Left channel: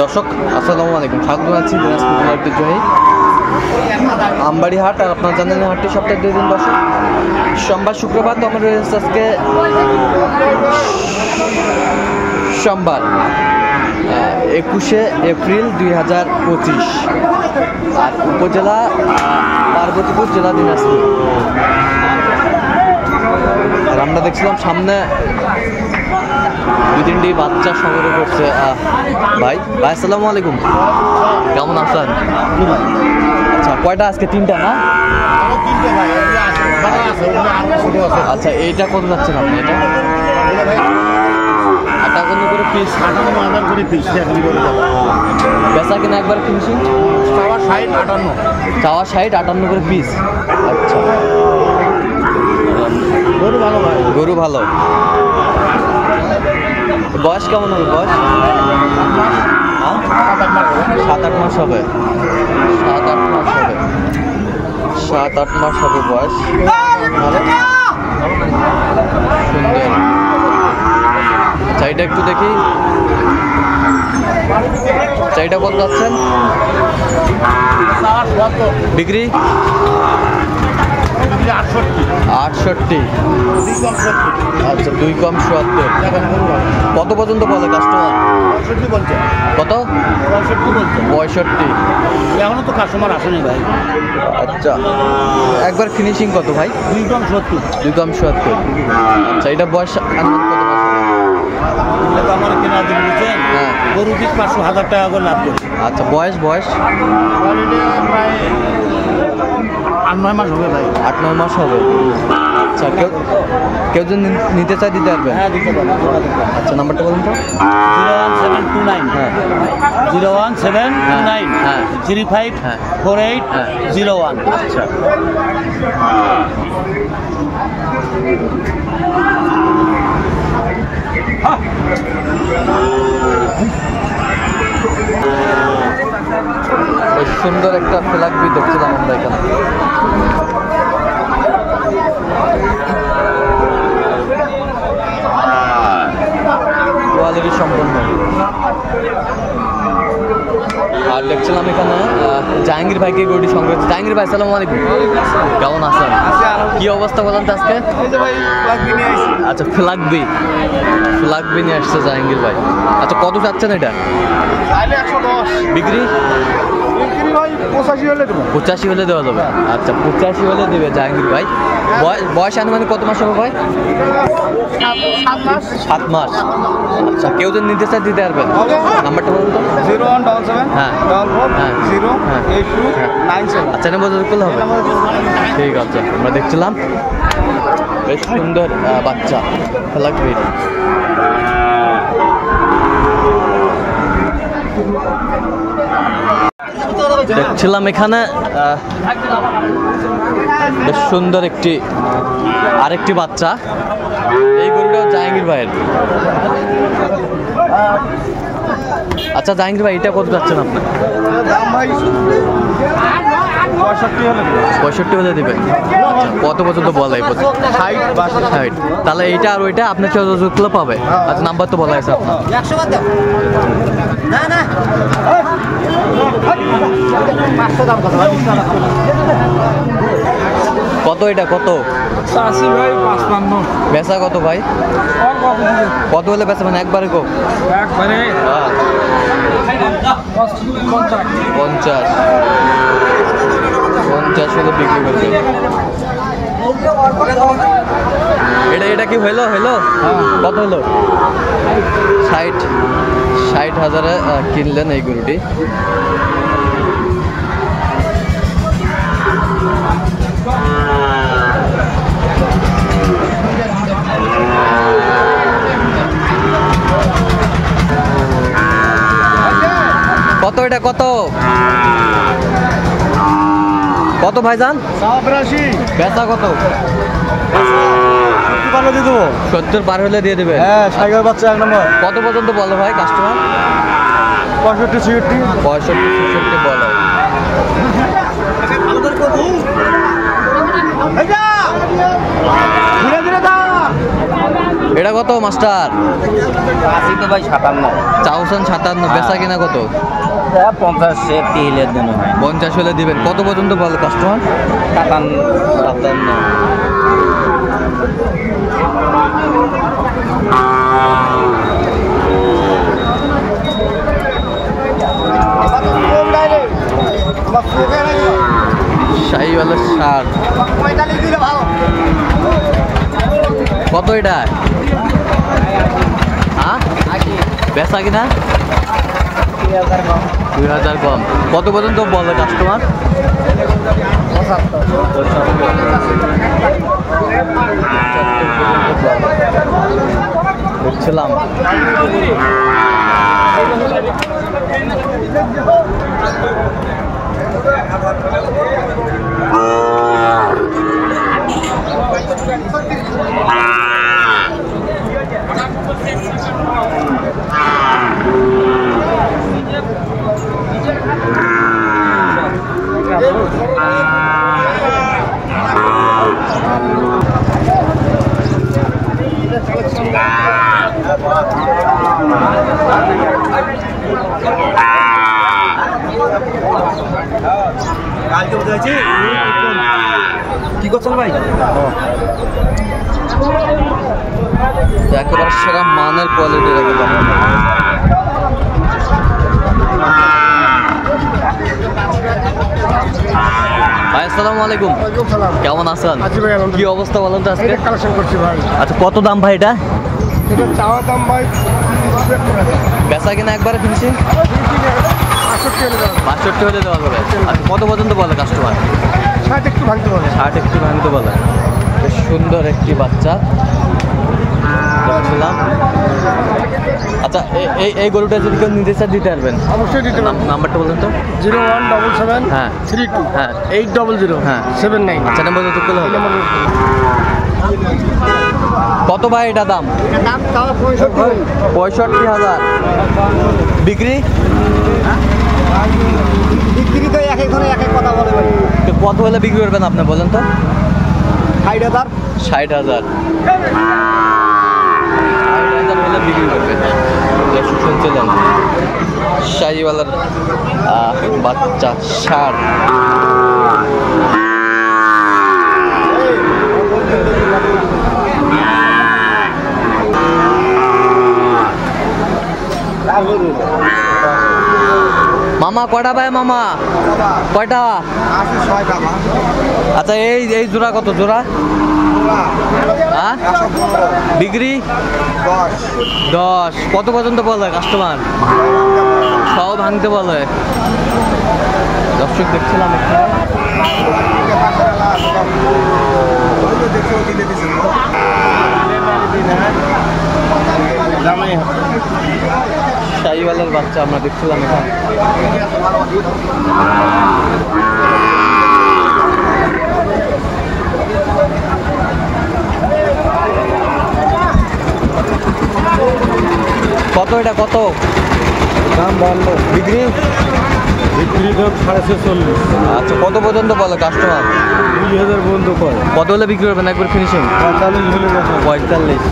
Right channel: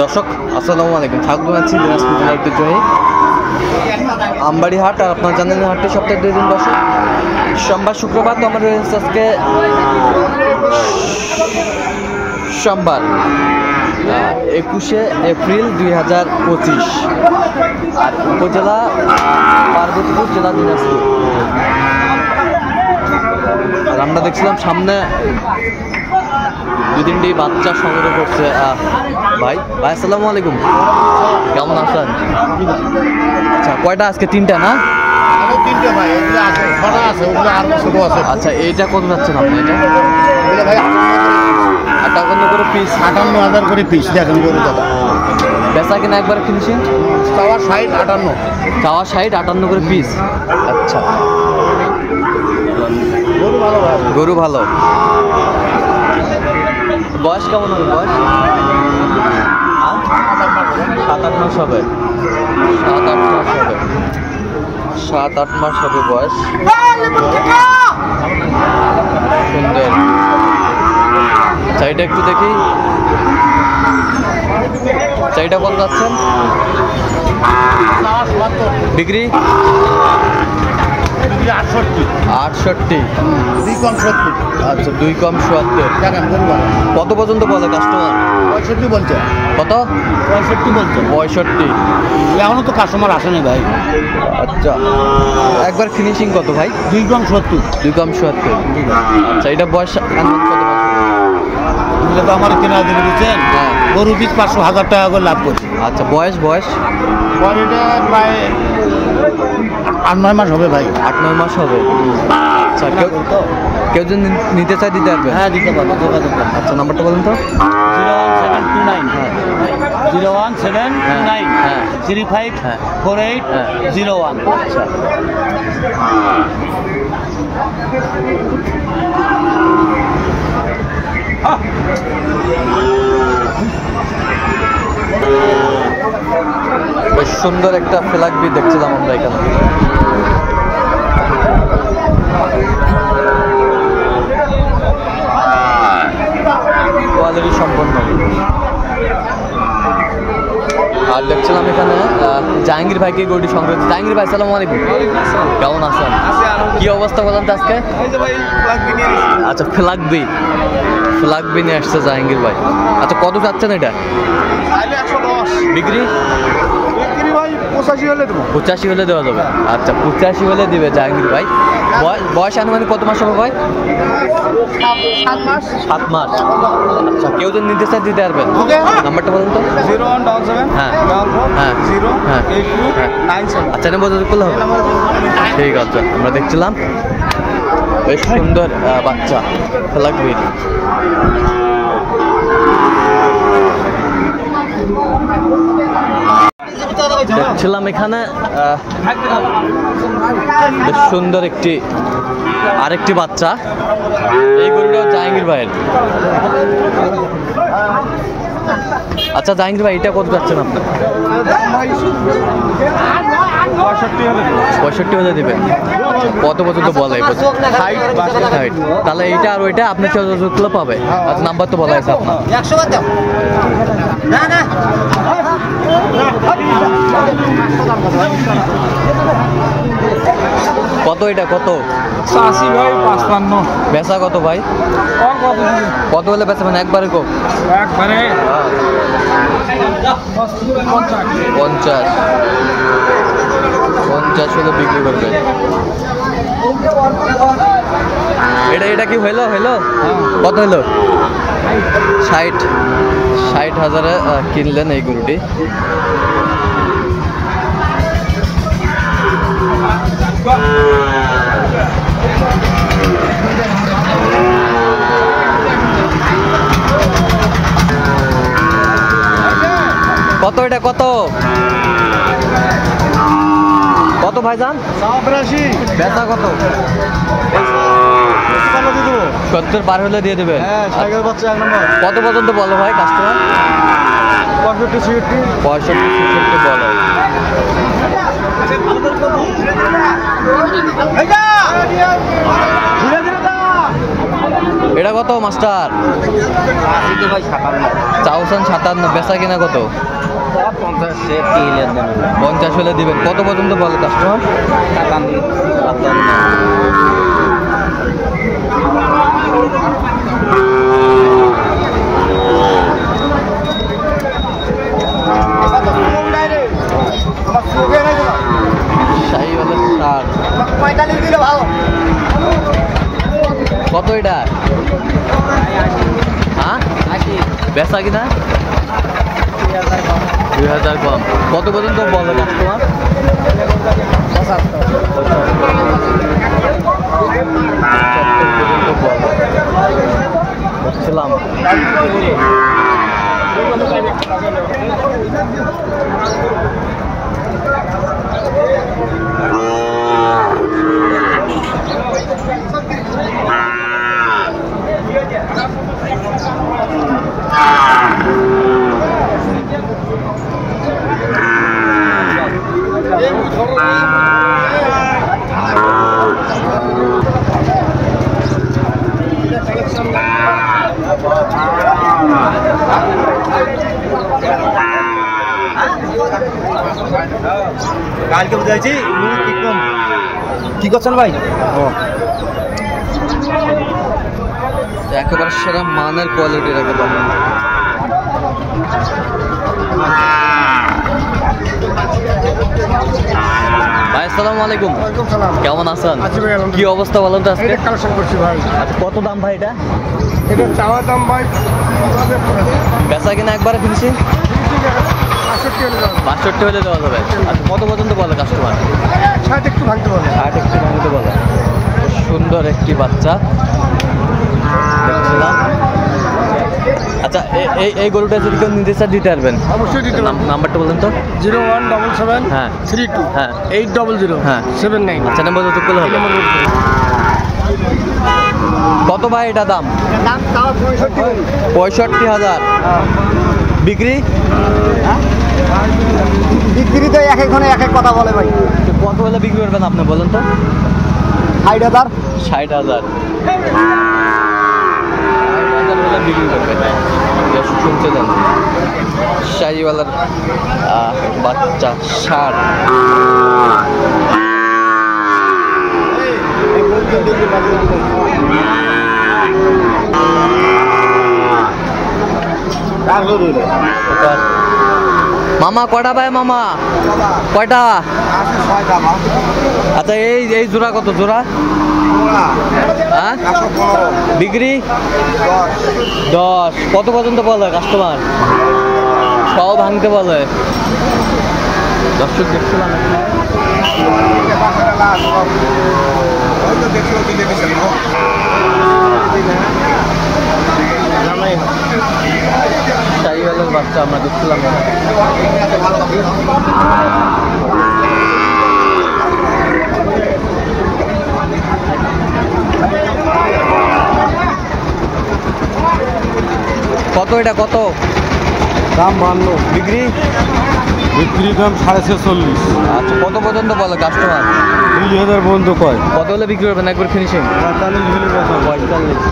দর্শক আসসালামু আলাইকুম, স্বাগত জানাচ্ছি দিনাজপুর জেলার ঐতিহ্যবাহী আমবাড়ি হাট। আর আপনারা জানেন হাটটি সপ্তাহে 2 দিন বসে, সোমবার শুক্রবার। তো আমাদের আজকে সোমবার 21শে এপ্রিল 2025, আর উপজেলা পার্বতীপুর, জেলা দিনাজপুর। আর আমরা দেখছিলাম সামনে 2-3টি বাচ্চা সংগ্রহ করছে ভাই। আসসালামু আলাইকুম, কেমন আছেন? আচ্ছা, কয়টা আজকে? 3টা না? আচ্ছা, এইটা কত যাচ্ছেন আপনি? এটা 58 করে পিস, 58,000 করে পিস। দেখেন বেচা কিনা একবার ফিনিশিং? চাওয়া 60, 58। চাওয়া 60, 58 করে পিস। আচ্ছা, গরু ভালো। বয়স কেমন হবে? বয়স 7-8 মাস হবে। 7-8 মাস হবে। 7-8 মাস হবে বয়স। সুন্দর। আচ্ছা, এটা একটু দেখি। আচ্ছা, এটা কত যাচ্ছেন বিক্রি? 68। আচ্ছা, 2 কম 70। কত পর্যন্ত বলে কাস্টমার? কত? 65। এখনো তো কাস্টমার আসেনি ভাই। আচ্ছা, একবার ফিনিশিং কত ভাই? 2 কম 70। 2 কম 70। আচ্ছা, এটা বয়স আনুমান কত মাস? এগুলো তো আমার কেনা দিয়ে দিচ্ছেন। হ্যাঁ, গরু পিস 500,000 টাকা করে লাভ করছে। আচ্ছা, বয়স 8-9 মাস হবে ভাই। 8-9 মাস হবে। আচ্ছা, কেউ যদি নিতে চায় দিতে পারবেন? হ্যাঁ, দিতে পারবো। আচ্ছা, নাম্বারটা বলুন তো। 01729 হ্যাঁ 01729 হ্যাঁ 354801। আচ্ছা, বেশ সুন্দর একটা ফ্ল্যাগবি দেখছিলাম আমরা এখানে। কোয়ালিটি সম্পন্ন। আর দেখছিলাম এখানে জাহাঙ্গীর ভাইকে গরুটি সংগ্রহ। জাহাঙ্গীর ভাই, আসসালামু আলাইকুম, কেমন আছেন? কি অবস্থা বলেন তো আজকে? আচ্ছা, ফ্ল্যাগবি নিয়ে আসছে জাহাঙ্গীর ভাই। আচ্ছা, কত চাচ্ছেন এটা? 110। বিক্রি? ভাই 85 হলে দেবো। 85 হলে দেওয়া যাবে। আচ্ছা, 85 হলে দিবে জাহাঙ্গীর ভাই। বয়স আনুমানিক কত মাস হবে ভাই? 7 মাস। আচ্ছা, কেউ যদি নিতে চায় দিতে পারবেন? নাম্বারটা বলুন তো। 0177 হ্যাঁ 0 হ্যাঁ 8297। আচ্ছা, নাম্বার করলে হবে। ঠিক আছে, আমরা দেখছিলাম বেশ সুন্দর বাচ্চা ফ্ল্যাগবির। দেখছিলাম এখানে বেশ সুন্দর আরেকটি বাচ্চা। এই গরুটাও জাহাঙ্গীর ভাইয়ের। আচ্ছা, জাহাঙ্গীর ভাই, এটা কত যাচ্ছেন আপনার? 65 হলে দিবেন। আচ্ছা, কত পর্যন্ত বলা? 60। তাহলে এইটা আর ওইটা আপনার কেউ পাবে। আচ্ছা, নাম্বার তো বলা আছে আপনার। কত এটা? কত? 80 ভাই 55। বেচা কত ভাই? কত হলে বেচা? মানে একবারে কো? একবারে 50 হলে বিক্রি করবে। এটা কি হইলো? কত হইলো? 60,000 কিনলেন এই গরুটি। কত এটা? কত ভাইজান? 87। বেচা কত? 70 পার হলে দিয়ে দেবেন। কত পর্যন্ত বলো ভাই কাস্টমার? 65-66 বলে। এটা কত মাস্টার? চাউসান 57, বেচা কিনা কত? 50 হলে দিবেন। কত পর্যন্ত বলে কাস্টমার? 57। শাহিওয়ালের ষাট। কত এটা? হ্যাঁ বেচা কিনা 2000 কম। কত পর্যন্ত বলে কাস্টমার? 75 পর্যন্ত বলে। বুঝছিলাম। কালকে বুঝাইছি কি করছেন ভাই? একেবারে সেরা মানের কোয়ালিটির একেবারে। ভাই আসসালামু আলাইকুম। কেমন আছেন? কি অবস্থা বলেন তো আজকে? কালেকশন করছি ভাই। আচ্ছা কত দাম ভাই এটা? এটা চাওয়া দাম ভাই বেচা কিনা একবারে ফিনিশিং 65 হলে দেওয়া যাবে। আচ্ছা কত পর্যন্ত বলে কাস্টমার? 60 একটু ভাঙতে বলে। 60 একটু ভাঙতে বলে। সুন্দর একটি বাচ্চা দেখছিলাম। আচ্ছা এই গরুটা যদি কেউ নিতে চান দিতে পারবেন? অবশ্যই দিতে পারবেন। নাম্বারটা বলেন তো। 0177 হ্যাঁ 32 হ্যাঁ 800 হ্যাঁ 79। আচ্ছা নাম্বার যত করলে হবে। কত ভাই এটা দাম? দাম তাও 65,000। বিক্রি? বিক্রি তো এক একজনে এক এক কথা বলে ভাই। তো কত হলে বিক্রি করবেন আপনি বলেন তো? 60,000। 60,000 হলে বিক্রি করবেন। দর্শক শুনছিলেন শাহিওয়ালার বাচ্চা ষাট। মামা কয়টা ভাই? মামা কয়টা? আচ্ছা এই জোড়া কত জোড়া? হ্যাঁ বিক্রি 10। কত পর্যন্ত বলে কাস্টমার? সব ভাঙতে বলে। দর্শক দেখছিলাম শাহিওয়ালের বাচ্চা আমরা দেখছিলাম এখানে। কত এটা কত দাম 52। বিক্রি? বিক্রি দাম 46.5। আচ্ছা কত পর্যন্ত বলে কাস্টমার? 2000 পর্যন্ত কয়। কত হলে বিক্রি করবেন একবার ফিনিশিং? 45 হলে 45।